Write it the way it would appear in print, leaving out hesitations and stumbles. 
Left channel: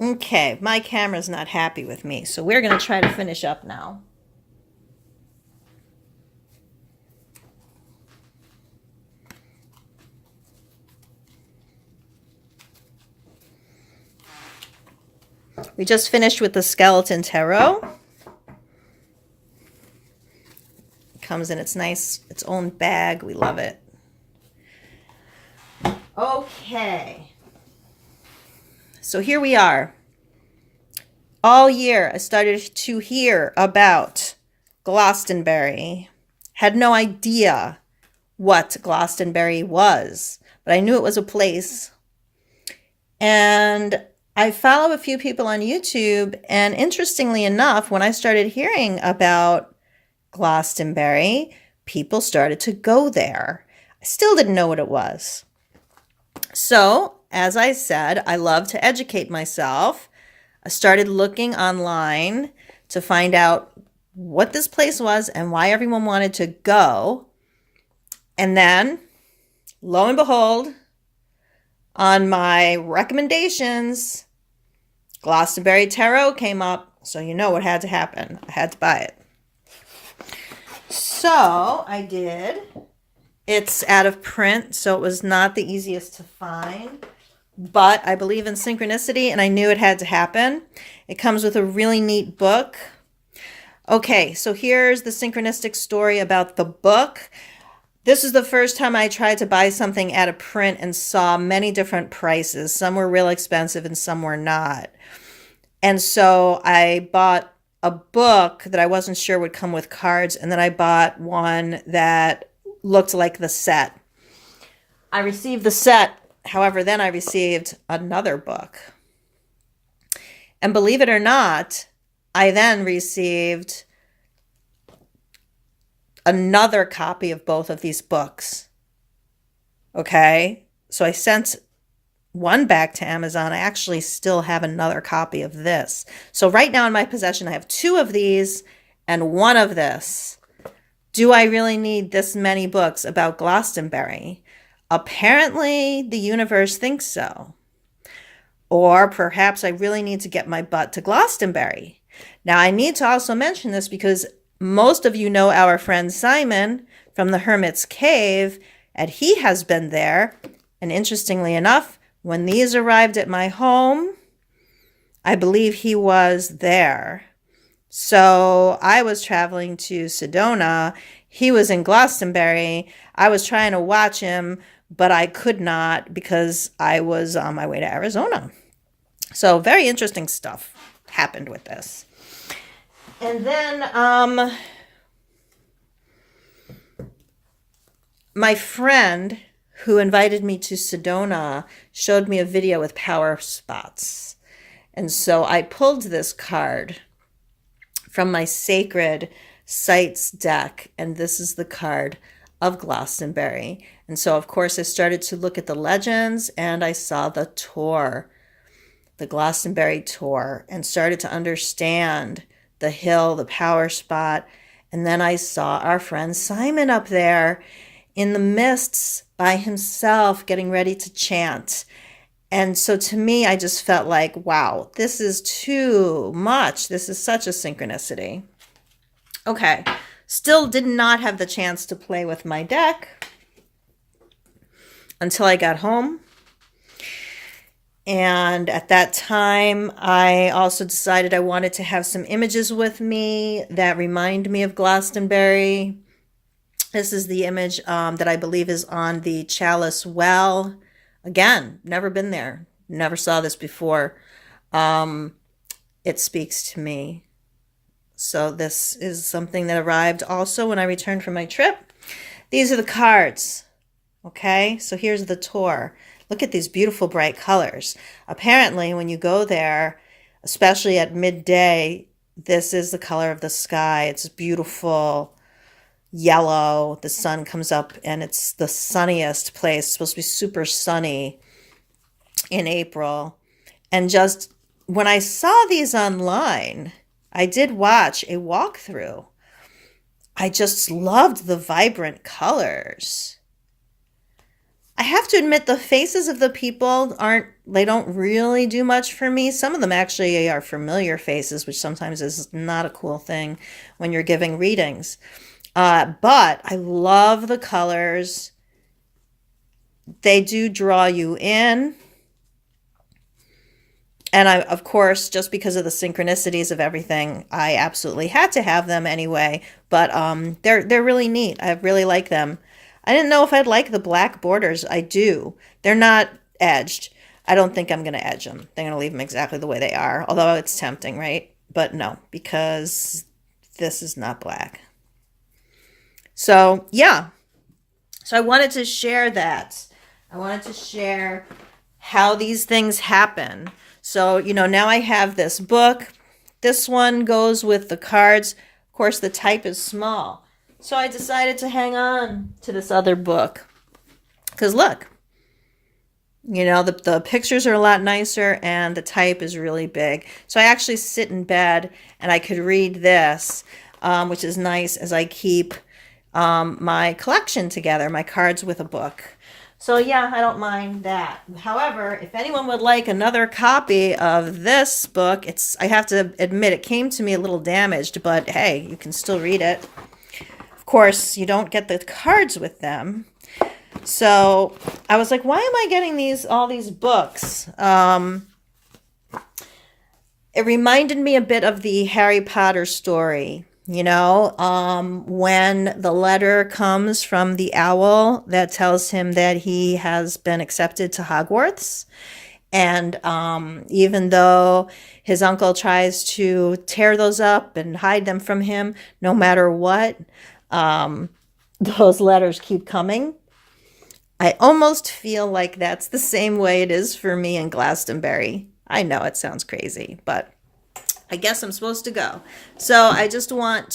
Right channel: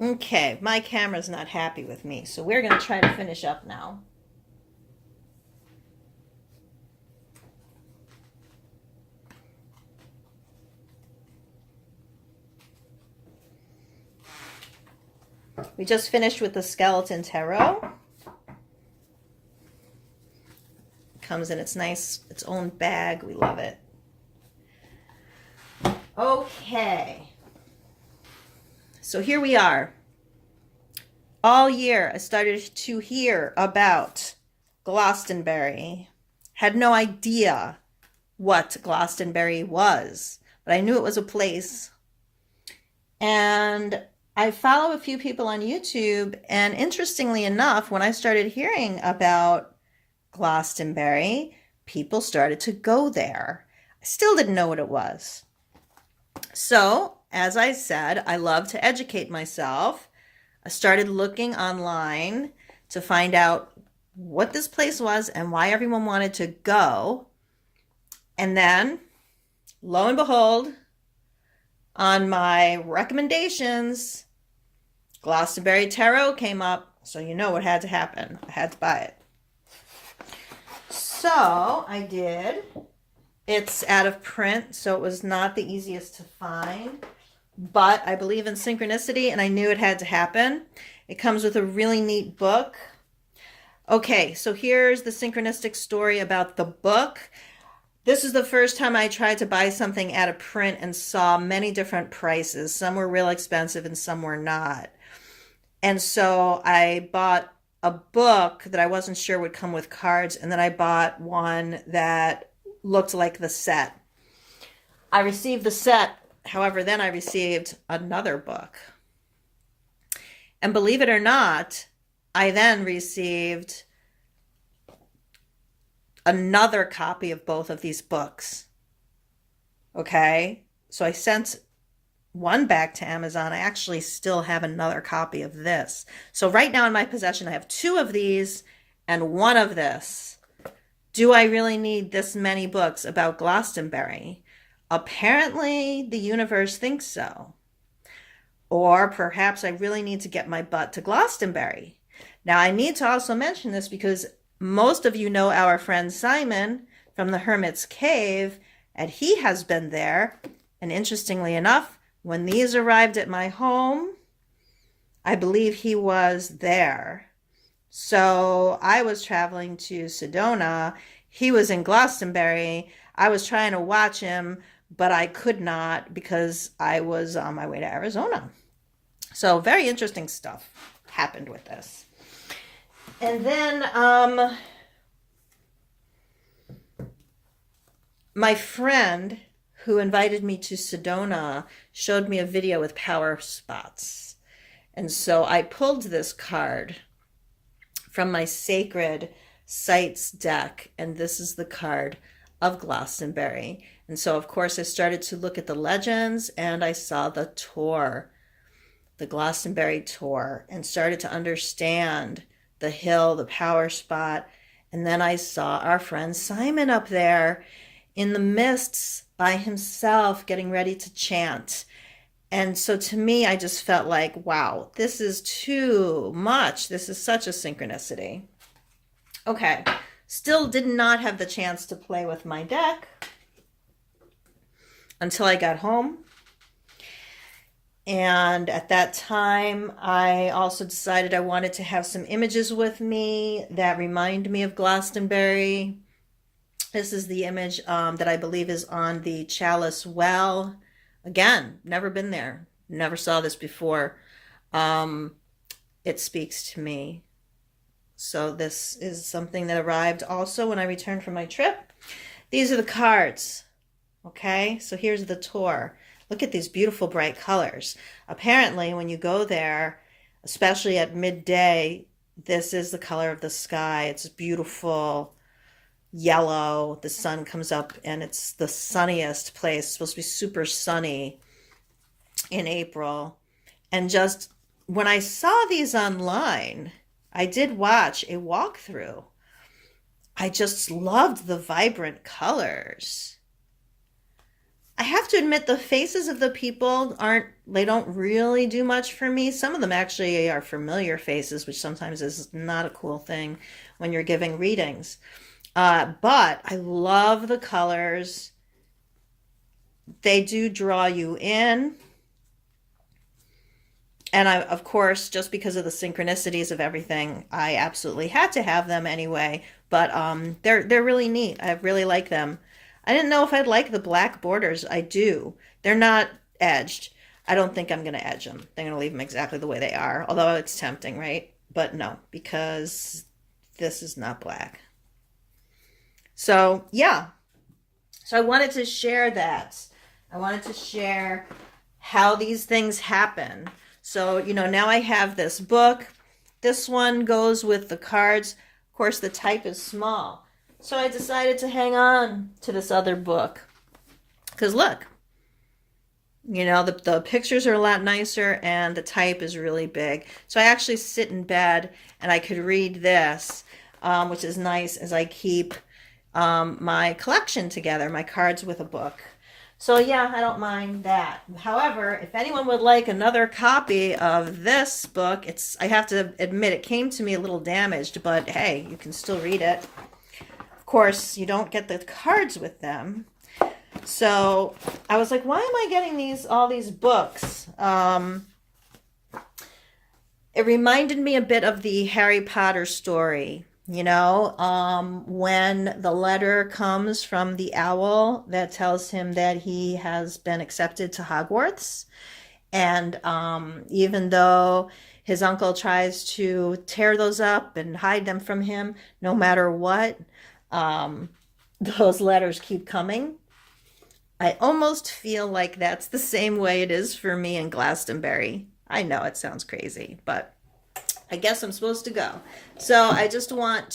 Okay, my camera's not happy with me, so we're going to try to finish up now. We just finished with the skeleton tarot. It comes in its own bag. We love it. Okay. So here we are. All year I started to hear about Glastonbury. Had no idea what Glastonbury was, but I knew it was a place. And I follow a few people on YouTube, and interestingly enough, when I started hearing about Glastonbury, people started to go there. I still didn't know what it was. So, as I said, I love to educate myself. I started looking online to find out what this place was and why everyone wanted to go. And then, lo and behold, on my recommendations, Glastonbury Tarot came up. So you know what had to happen. I had to buy it. So I did. It's out of print, so it was not the easiest to find. But I believe in synchronicity, and I knew it had to happen. It comes with a really neat book. Okay, so here's the synchronistic story about the book. This is the first time I tried to buy something out of print and saw many different prices. Some were real expensive and some were not. And so I bought a book that I wasn't sure would come with cards, and then I bought one that looked like the set. I received the set, however, then I received another book. And believe it or not, I then received another copy of both of these books. Okay? So I sent one back to Amazon. I actually still have another copy of this. So right now in my possession, I have two of these and one of this. Do I really need this many books about Glastonbury? Apparently, the universe thinks so. Or perhaps I really need to get my butt to Glastonbury. Now, I need to also mention this because most of you know our friend Simon from the Hermit's Cave, and he has been there. And interestingly enough, when these arrived at my home, I believe he was there. So I was traveling to Sedona. He was in Glastonbury. I was trying to watch him, but I could not because I was on my way to Arizona. So very interesting stuff happened with this. And then my friend who invited me to Sedona showed me a video with power spots. And so I pulled this card from my Sacred Sites deck, and this is the card of Glastonbury. And so, of course, I started to look at the legends, and I saw the tour, the Glastonbury tour, and started to understand the hill, the power spot. And then I saw our friend Simon up there in the mists by himself getting ready to chant. And so to me, I just felt like, wow, this is too much. This is such a synchronicity. Okay, still did not have the chance to play with my deck until I got home. And at that time, I also decided I wanted to have some images with me that remind me of Glastonbury. This is the image that I believe is on the Chalice Well. Again, never been there. Never saw this before. It speaks to me. So this is something that arrived also when I returned from my trip. These are the cards. Okay, so here's the tour. Look at these beautiful bright colors. Apparently, when you go there, especially at midday, this is the color of the sky. It's beautiful yellow. The sun comes up and it's the sunniest place. It's supposed to be super sunny in April. And just when I saw these online, I did watch a walkthrough. I just loved the vibrant colors. I have to admit the faces of the people they don't really do much for me. Some of them actually are familiar faces, which sometimes is not a cool thing when you're giving readings. But I love the colors. They do draw you in. And of course, just because of the synchronicities of everything, I absolutely had to have them anyway. But they're really neat. I really like them. I didn't know if I'd like the black borders. I do. They're not edged. I don't think I'm going to edge them. They're going to leave them exactly the way they are. Although it's tempting, right? But no, because this is not black. So, yeah. So I wanted to share that. I wanted to share how these things happen. So, now I have this book. This one goes with the cards. Of course, the type is small. So I decided to hang on to this other book. Because look, the pictures are a lot nicer and the type is really big. So I actually sit in bed and I could read this, which is nice as I keep my collection together, my cards with a book. So yeah, I don't mind that. However, if anyone would like another copy of this book, I have to admit it came to me a little damaged, but hey, you can still read it. Of course, you don't get the cards with them. So I was like, why am I getting all these books? It reminded me a bit of the Harry Potter story. When the letter comes from the owl that tells him that he has been accepted to Hogwarts. And even though his uncle tries to tear those up and hide them from him, no matter what, those letters keep coming. I almost feel like that's the same way it is for me in Glastonbury. I know it sounds crazy, but I guess I'm supposed to go. So I just want